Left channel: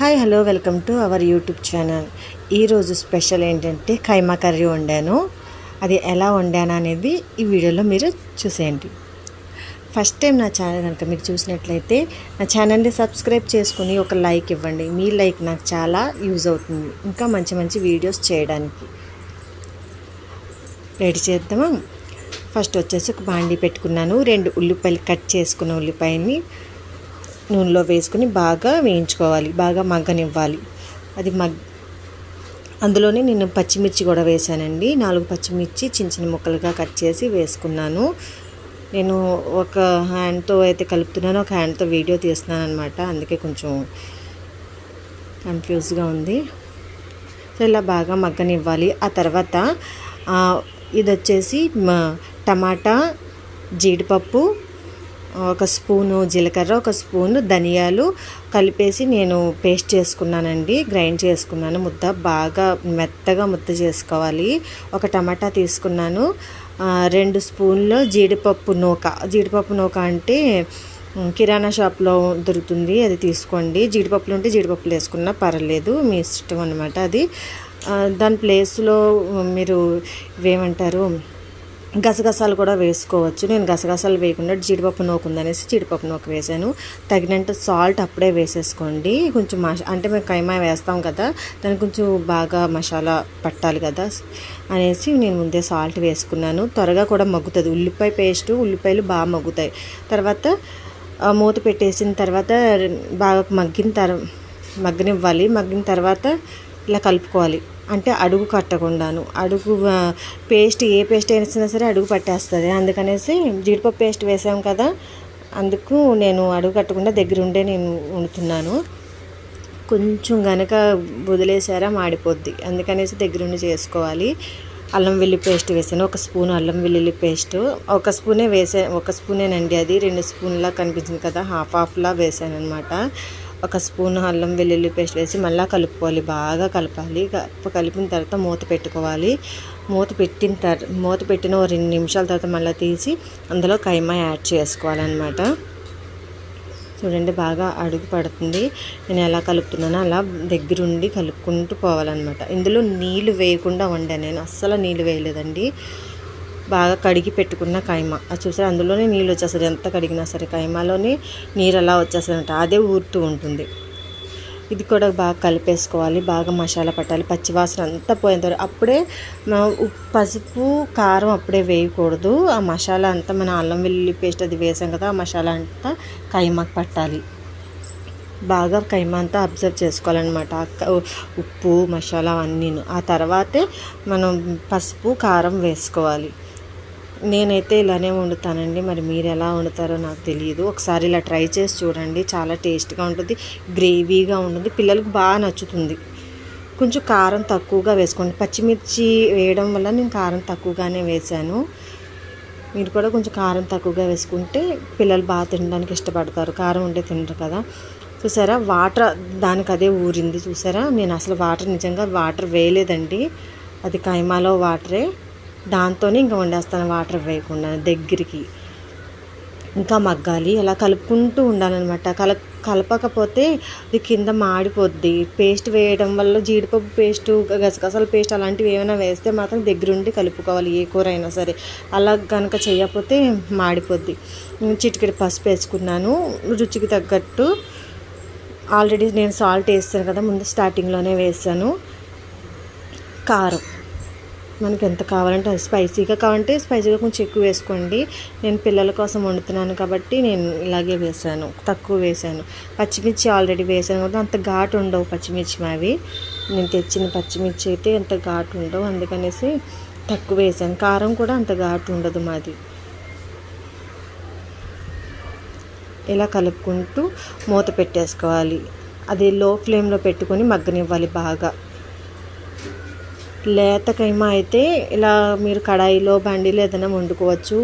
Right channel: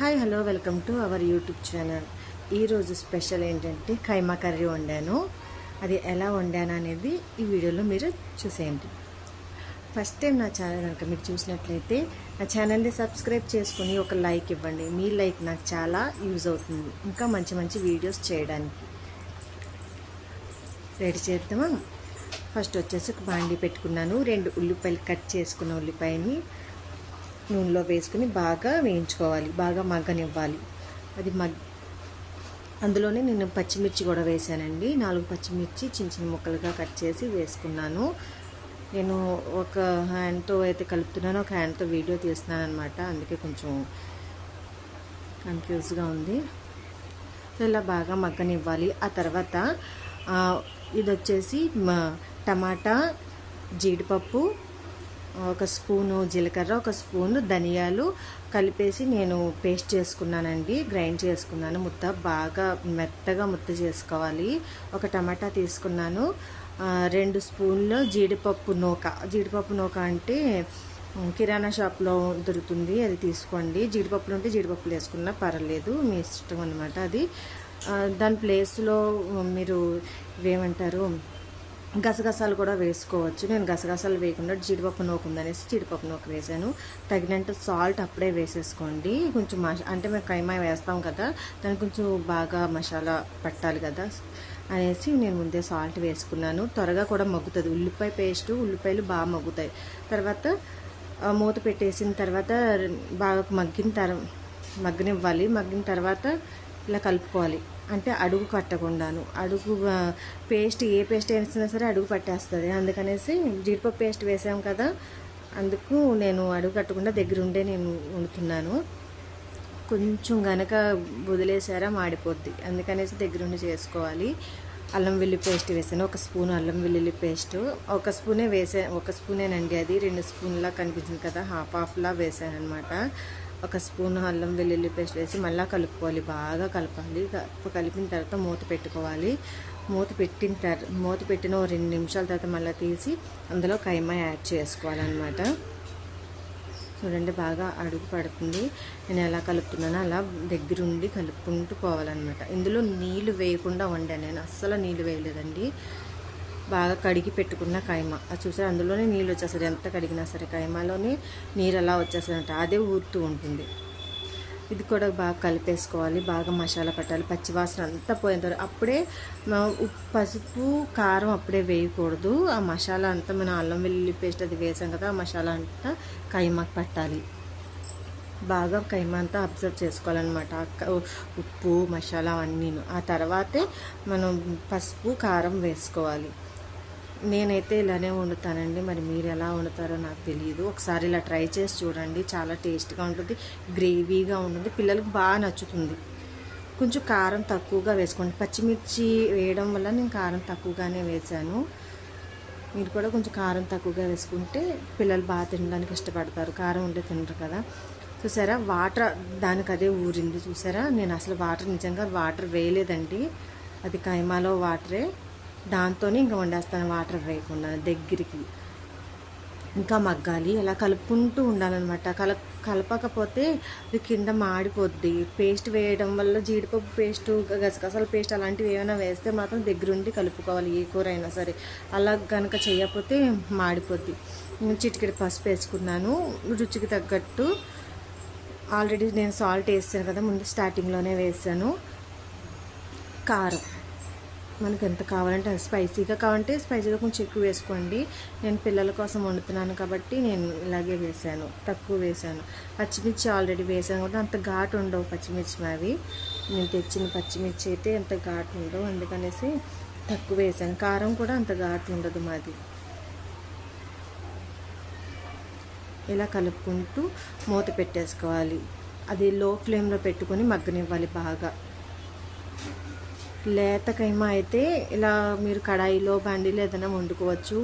Hi hello welcome to our YouTube channel. ఈరోజు special ఏంటంటే కైమా curry వండాను. అది ఎలా వండాను అనేది ఈ వీడియోలో మీరు చూసేయండి. ఫస్ట్ టైం నా ఛానల్ కనుక మీరు చూసినట్లయితే నా ఛానల్ని సబ్స్క్రైబ్ చేసుకుని ఒక లైక్ ఇవ్వండి. మీ లైక్ నాకు చాలా యూజ్ అవుతుంది ఇంకా మంచి మంచి వీడియోస్ చేయడానికి. రెడీ చేద్దామా? ఫస్ట్ వచ్చేసి ఒక బాండీ పెట్టుకున్నాను. 2 ఉల్లిపాయలు కట్ చేసుకున్న ఉల్లిపాయని నూనెలో వేసుకుని బాగా వేయించుకోవాలి, బాగా మగ్గనివ్వాలి. అది అందులోనే నేను పచ్చిమిర్చి కూడా వేసానండి. 4 పచ్చిమిర్చి చిన్న చిన్న ముక్కలుగా కట్ చేసి వేసుకున్నాను. నేను ఒక హ్యాండ్తో అయితే కలుపుతున్నాను, ఒక హ్యాండ్తో వీడియో తీస్తున్నాను అనమాట. అందుకే కొంచెం కన్ఫ్యూజ్గా ఉంది. సో ఇలా బాగా మగ్గనివ్వాలి. ఆ తర్వాత ఇది వచ్చేసి టమాటా, జీడిపప్పు, 1 స్పూను జీలకర్ర, 1 స్పూను ధనియాలు కలిపేసి నేను పేస్ట్ చేసుకున్నానండి. గ్రైండ్ చేసుకున్నాను. బాగా మెత్తగా ముద్ద చేసుకోవాలి. 1 టమాటా తీసుకున్నాను. 2 స్పూన్లు జీడిపప్పు నూక అంటే కిరాణా షాప్లో దొరుకుతుంది, అది తీసుకోండి. జీడిపప్పులు ఉంటే జీడిపప్పులు వేసుకున్నా పర్వాలేదు, మీ ఇష్టం అనమాట. అది దాని ప్లేస్లో మీరు ఏమంటారు గసగసాలు కూడా వేసుకోవచ్చు. నేను గసగసాలు వేయకుండా జీడిపప్పు నూక ఉందనేసి జీడిపప్పు నూక వేసాను. తగినంత సాల్ట్ అప్పుడే వేసేసుకోండి. కొంచెం అంటే మేము కైమా వేస్తాం కదా, దానికి కొంచెం బాగా మసాలా పట్టాలి కదా అనేసి నేను ముందే సాల్ట్ వేసుకున్నాను. త్వరగా కూడా మగ్గుతుంది. ఉల్లిపాయలు బాగా మగ్గుతాయి. తర్వాత మూత పెట్టేసిన తర్వాత బాగా మగ్గనివ్వాలి. మగ్గిన తర్వాత ఇలా కలుపుకోవాలి. అంటే అడుగు కట్టకుండాను. ఏ పేస్ట్ వేసినా సరే అడుగు పట్టేస్తుంది. అందుకనేసి జీడిపప్పు పేస్ట్ వేసాం కదా, అందుకు నేను అడుగు కట్టకుండా దగ్గరుండే నేను వండుతున్నాను. కొంచెం గనక వదిలేసారా మాడిపోద్ది, అందుకనేసి దగ్గరుండి చేసుకోవాలి. అల్లం వెల్లుల్లి పేస్ట్ వేసాను. 1 స్పూన్ అల్లం వెల్లుల్లి పేస్ట్ 1 స్పూనే వేసాను. 1 స్పూనేనండి, అది 2 స్పూన్లా కనిపించింది కదా, హాఫ్లా వేసాను అనమాట. 1 స్పూన్ అల్లం వెల్లుల్లి పేస్ట్ వేసి మళ్ళీ కలుపుకోవాలి. బాగా కలపాలి. కలిపిన తర్వాత మూత పెట్టుకోవాలి. మూత పెట్టిన 2 నిమిషాల తర్వాత మళ్ళీ తీసి అందులో కైమా యాడ్ చేసుకోవాలన్నమాట. చూడండి బాగా అడుగు పడుతుంది. నేను ఎలా కలుపుతున్నానో అలా దగ్గరుండి కలుపుకుంటూ పోవాలన్నమాట. ఇందులో నీళ్ళు వేయకుండా వండాను నేను, అస్సలు నీళ్ళు వేయలేదండి. బాగా కడిగి పెట్టుకున్న కైమా అది చూసారు, అందులోనే నీళ్ళు వచ్చేస్తుంది. ఎంత కడిగినా సరే కైమాలోనే నీరు అలా వచ్చేస్తుందంట, అదే ఊరుతూ ఉంటుంది. ఇది కూడా బాగా కలిపేసుకోవాలి. బాగా మసాలా పట్టాలి, పచ్చివాసన అంతా పోయేంత. అప్పుడే పసుపు కారం అప్పుడే వేయకూడదు. ఆ మసాలా అంతా మన అల్లం వెల్లుల్లి పేస్ట్ అది వేసాం కదా, ఆ మసాలా అంతా కైమాకు పట్టాలి. బాగా కైమా అంతా అబ్జర్వ్ చేసుకోవాలన్నమాట, ఉప్పు మసాలా అన్నీ. ఆ తర్వాతే మనం పసుపు కారం వేసుకోవాలి. నేనైతే ఇలానే వండుతానండి, మరి మీరు ఎలా వండుతారో నాకు తెలియదు. ఒకసారి ఇలా ట్రై చేసి చూడండి, చాలా టేస్ట్గా ఉంటుంది, గ్రేవీగా ఉంటుంది, పిల్లలకు బాగా నచ్చుతుంది. కొంచెం కారం తక్కువగా వేసుకోండి. పచ్చిమిర్చి వేయడం వల్ల నేను కారం తక్కువగానే వేసాను. మీరు కూడా కొంచెం కారం తక్కువగా వేసుకుంటే పిల్లలు బాగా తినడానికి ఇష్టపడతారు, కారం ఉంటే తినరు కదా. చూసారా వాటర్ దానికి అదే ఊరింది. చూసారా, నేను అసలు నిజంగా వాటర్ వేయలేదండి, అది కైమాలో వాటరే, దాంతోనే ఇంకా వండేస్తాను వాటర్ వేయకుండా. దగ్గరికి ఇంకా మగ్గాలి, అలా కలుపుకుంటూ ఉండాలన్నమాట. కలపకపోతే అది కింద మాడిపోద్ది. పేస్ట్ వేయడం వల్ల జీడిపప్పు పేస్టు, గసగసాల పేస్ట్ అలాంటివి ఏమైనా వేస్తే మాత్రం దగ్గరుండి కలుపుకోవాలి, ఏ కూర అయినా సరే. అలా కనుక చేయకపోతే మాడిపోద్ది. చిటికెడు పసుపు వేసుకున్నాను, రుచికి తగ్గట్టు. ఆల్రెడీ నేను సాల్ట్ వేసాను కదా, ముందు స్టార్టింగ్లోనే వేసాను. కారం మనకి ఎంత కావాలంటే అది, స్పైసీగా కావాలంటే స్పైసీగా కొంచెం ఎక్కువ వేసుకోండి. నేను పిల్లల కోసం వండుతున్నాను కాబట్టి నేను ఇలాగే వేసాను, తక్కువ వేసాను. పచ్చిమిర్చి ఆల్రెడీ వేసాను కాబట్టి అంత ఘాటు ఉండవు పచ్చిమిర్చి మావి. నేను తెచ్చిన పచ్చిమిర్చి అయితే అంత ఘాటు ఉండవు, అందుకనేసి తక్కువ వేసాను. కారం కూడా అంత ఘాటు ఉండదు మాది. ఇలా కలుపుకుంటూ మూత పెట్టేసుకోవాలి. అది లో ఫ్లేమ్లో పెట్టుకొని మగ్గనివ్వాలి బాగా. లేత కైమా అయితే ఇలా మీరు కడాయిలో బండిలో ఏదైనా వండుకోవచ్చు.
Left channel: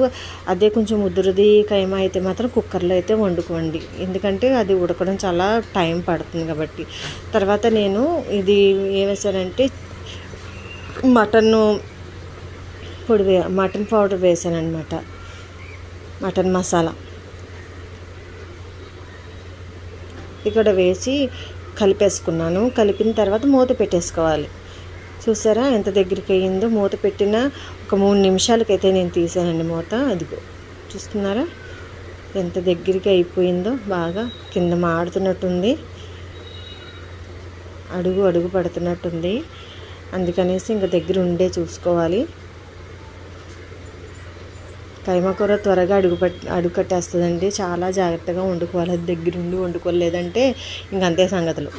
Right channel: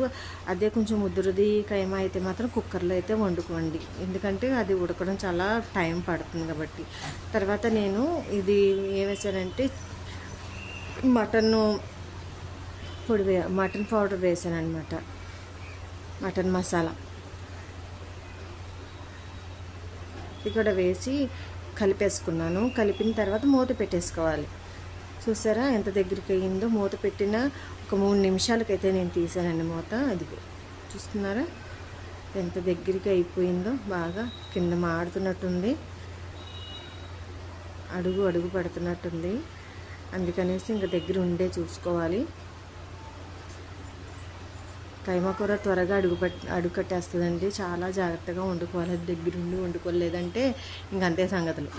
అదే కొంచెం ముదురుది కైమా అయితే మాత్రం కుక్కర్లో అయితే వండుకోండి, ఎందుకంటే అది ఉడకడం చాలా టైం పడుతుంది కాబట్టి. తర్వాత నేను ఇది ఏం వేసానంటే మటన్ పౌడర్ వేసాను అనమాట, మటన్ మసాలా. ఇక్కడ వేసి కలిపేసుకున్నాను. కలిపిన తర్వాత మూత పెట్టేసుకోవాలి. చూసారా ఎంత దగ్గరికి అయ్యిందో? మూత పెట్టిన ఒక 3 నిమిషాలకైతే నేను తీసానండి మూత. అదిగో చూస్తున్నారా ఎంత దగ్గరికి అయిపోయిందో? బాగా కింద మాడుతున్నట్టుంది, అడుగు పడుతున్నట్టుంది. అందుకనేసి ఇంకా దగ్గర ఉండే చూసుకోవాలి. కైమా కూర త్వరగా అడుగు కట్టేస్తుందండి. చాలా జాగ్రత్తగా వండుకోవాలి, అది దగ్గరుండి వండుకోలేదంటే ఇంకంతే సంగతులు.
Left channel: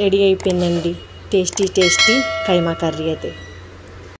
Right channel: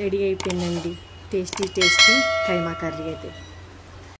రెడీ అయిపోయిందండి టేస్టీ కైమా కర్రీ అయితే.